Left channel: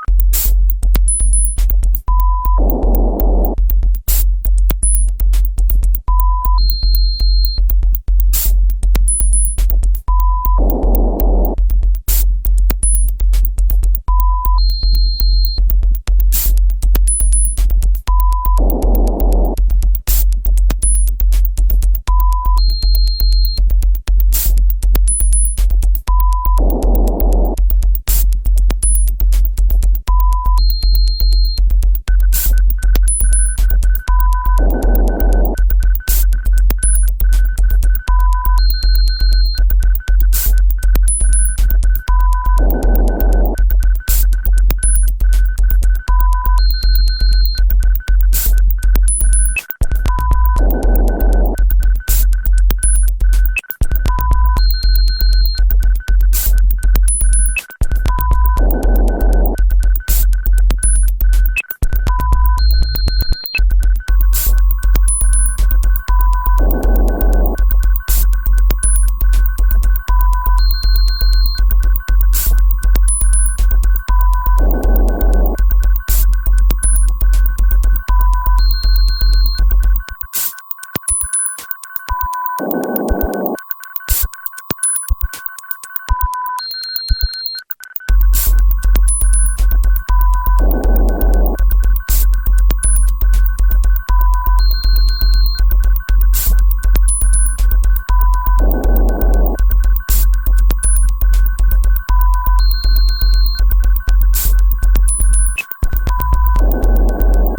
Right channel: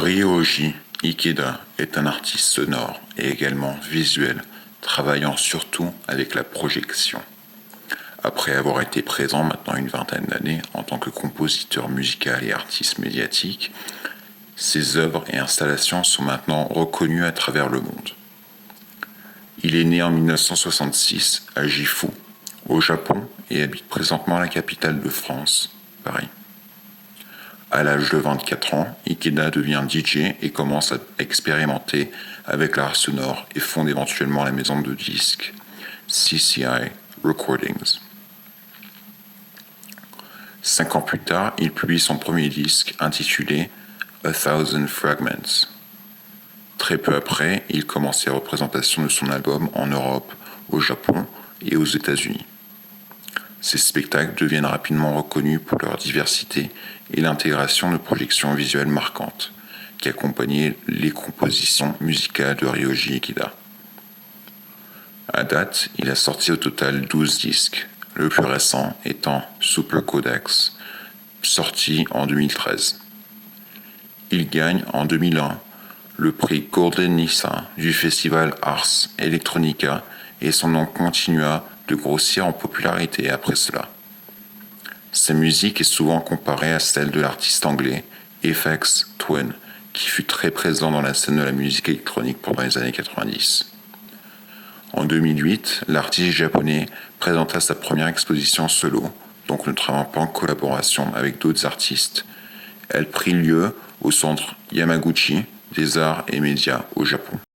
Ryoji Ikeda est un artiste sonore et également visuel, travaillant surtout avec la projection. Après avoir été présent maintenant une vingtaine d'années en tant que compositeur musical et artiste médiatique, ses œuvres et installations sont maintenant reconnues à travers le monde. Il est né en 1966 à Gifu, au Japon, et habite présentement la capitale de France, Paris. À l'âge de 24 ans, Ikeda devient DJ et commence à expérimenter avec l'art sonore et fonde éventuellement la maison de disques CCI Recordings. 5 ans plus tard, il publie son premier disque intitulé A Thousand Fragments. Très peu après, il commence les représentations de son album en Europe, au Japon et aux États-Unis. Ces spectacles deviennent rapidement reconnus pour leur diversité et l'intégration de projections visuelles marquantes qui accompagnaient les compositions musicales de Ryoji Ikeda. À date, il a sorti au total 12 disques, le plus récent étant Super Codex, sorti en 2013. Il gagne en 2001 le prix Golden Nissa du festival Ars Electronica et son nom continua de grossir en popularité après cela. Sa musique est souvent comparée à celle de l'artiste anglais FX Twin, qui fut très présent dans la scène de la musique électronique pendant les années 90. En 2008, l'artiste japonais présenta sa première exposition solo, donc ne travaillant pas en collaboration avec d'autres artistes. Elle prit lieu au centre Yamaguchi des arts et médias au Japon.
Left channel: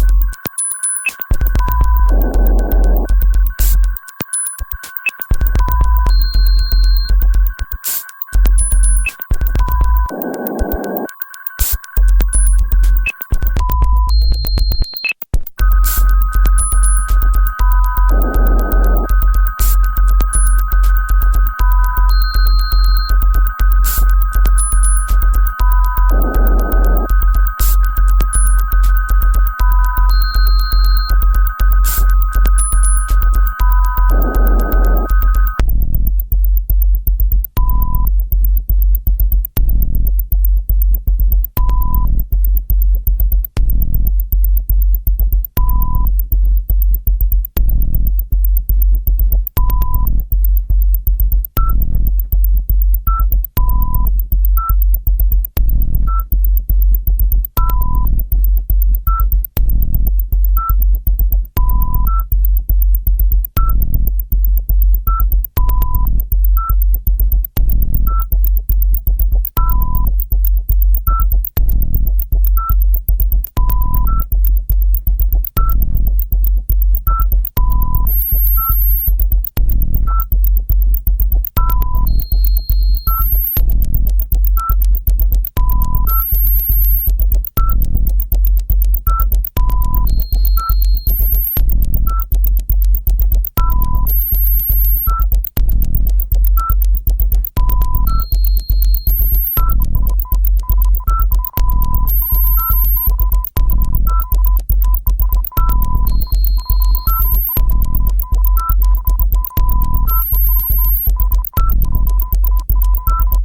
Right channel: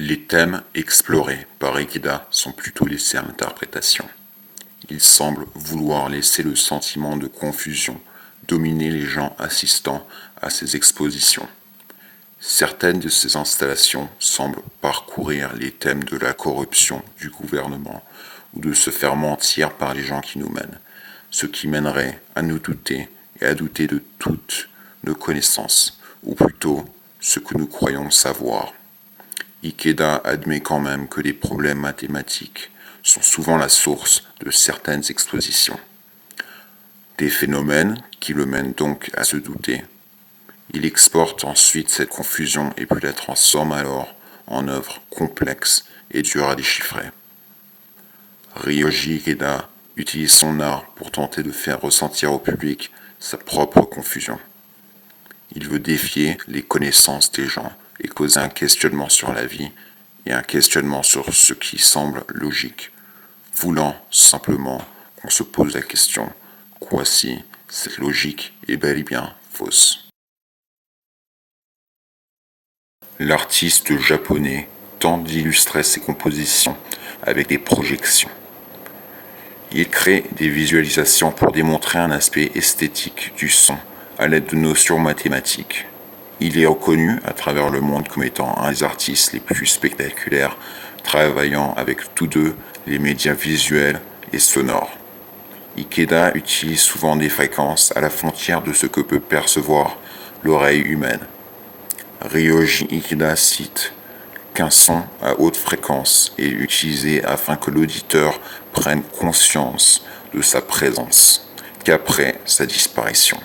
Les thèmes explorés par Ikeda sont plutôt les termes d'interprétation. Il semble vouloir laisser le sentiment de confusion dominer les gens assistant à ces expositions. Certaines de ces installations semblent parcourir les thèmes de la corruption du gouvernement, de se faire mentir par les gens qui nous mènent, ce qui mènerait à nous douter et à douter de toutes nos connaissances, ou plutôt ce que nous croyons savoir. Ikeda admet quand même que les problèmes mathématiques sont souvent la source de certaines expositions. Des phénomènes qui le mènent donc à se douter. Il exporte ensuite cette confusion et puis la transforme alors en œuvre complexe et dure à déchiffrer. Ryoji Ikeda utilise son art pour tenter de faire ressentir au public sa propre confusion. Il veut défier les connaissances des gens et causer un questionnement sur la vie et un questionnement sur ce qui semble logique, voulant simplement qu'on se pose la question « Quoi si cette logique est bel et bien fausse ?» L'artiste japonais tente d'illustrer ses compositions avec des projections. Il crée des visualisations pour démontrer un aspect esthétique du son à l'aide de notions mathématiques. Il est reconnu à travers le monde comme étant un des artistes les plus spectaculaires, travaillant avec tous deux les médias visuels et sonores. Ikeda utilise souvent des fréquences à la frontière de ce que peut percevoir l'oreille humaine. Ryoji Ikeda cite qu'un son à haute fréquence est utilisé afin que l'auditeur prenne conscience de sa présence qu'après sa disparition.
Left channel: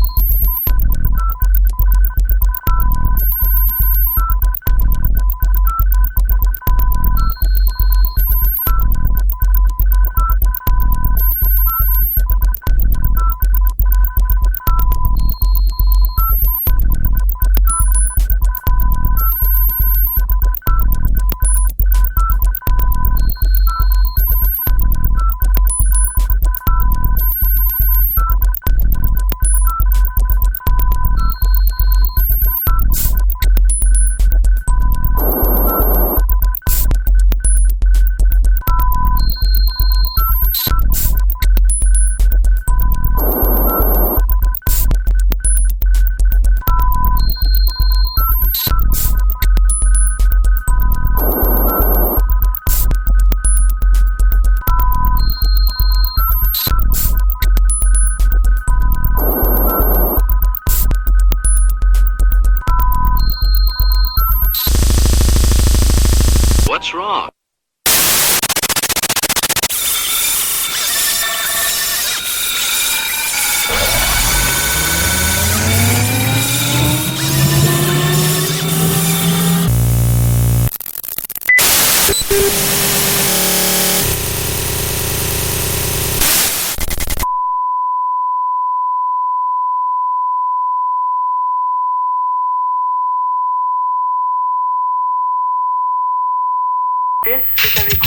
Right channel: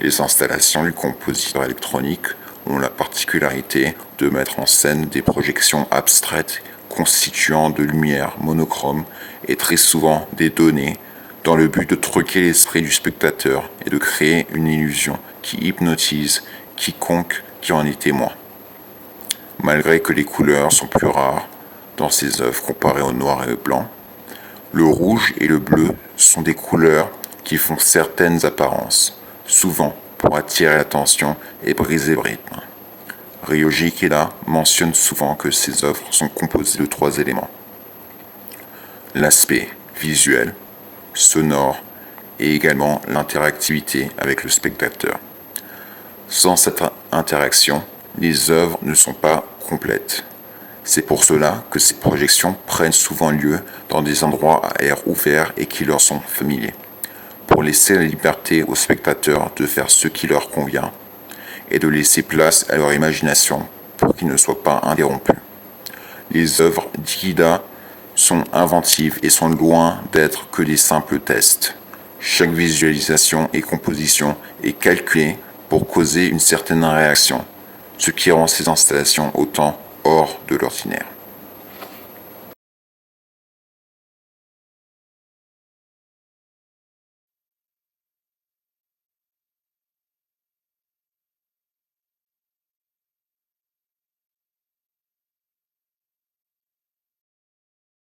Les installations du compositeur électronique ont la particularité de mettre en scène des projections abstraites constituant de lumière monochrome et très souvent des données dans le but de truquer l'esprit du spectateur et de créer une illusion qui hypnotise quiconque qui en est témoin. Malgré que les couleurs sont plus rares dans ces œuvres comparées au noir et au blanc, le rouge et le bleu sont des couleurs qui font certaines apparences, souvent pour attirer l'attention et briser le rythme. Ryoji Ikeda mentionne souvent que ses œuvres sont composées de 3 éléments. L'aspect visuel, sonore et également l'interactivité avec le spectateur. Sans cette interaction, les œuvres ne sont pas complètes. C'est pour cela que ces projections prennent souvent lieu dans des endroits à air ouvert et qui leur sont familiers, pour laisser la liberté aux spectateurs de faire ce qui leur convient et de laisser place à leur imagination pour qu'ils ne soient pas interrompus. Les œuvres d'Ikeda sont inventives et sont loin d'être que des simples tests. Chaque visualisation et composition est calculée pour causer une certaine réaction, ce qui rend ces installations autant hors de l'ordinaire. This is a record.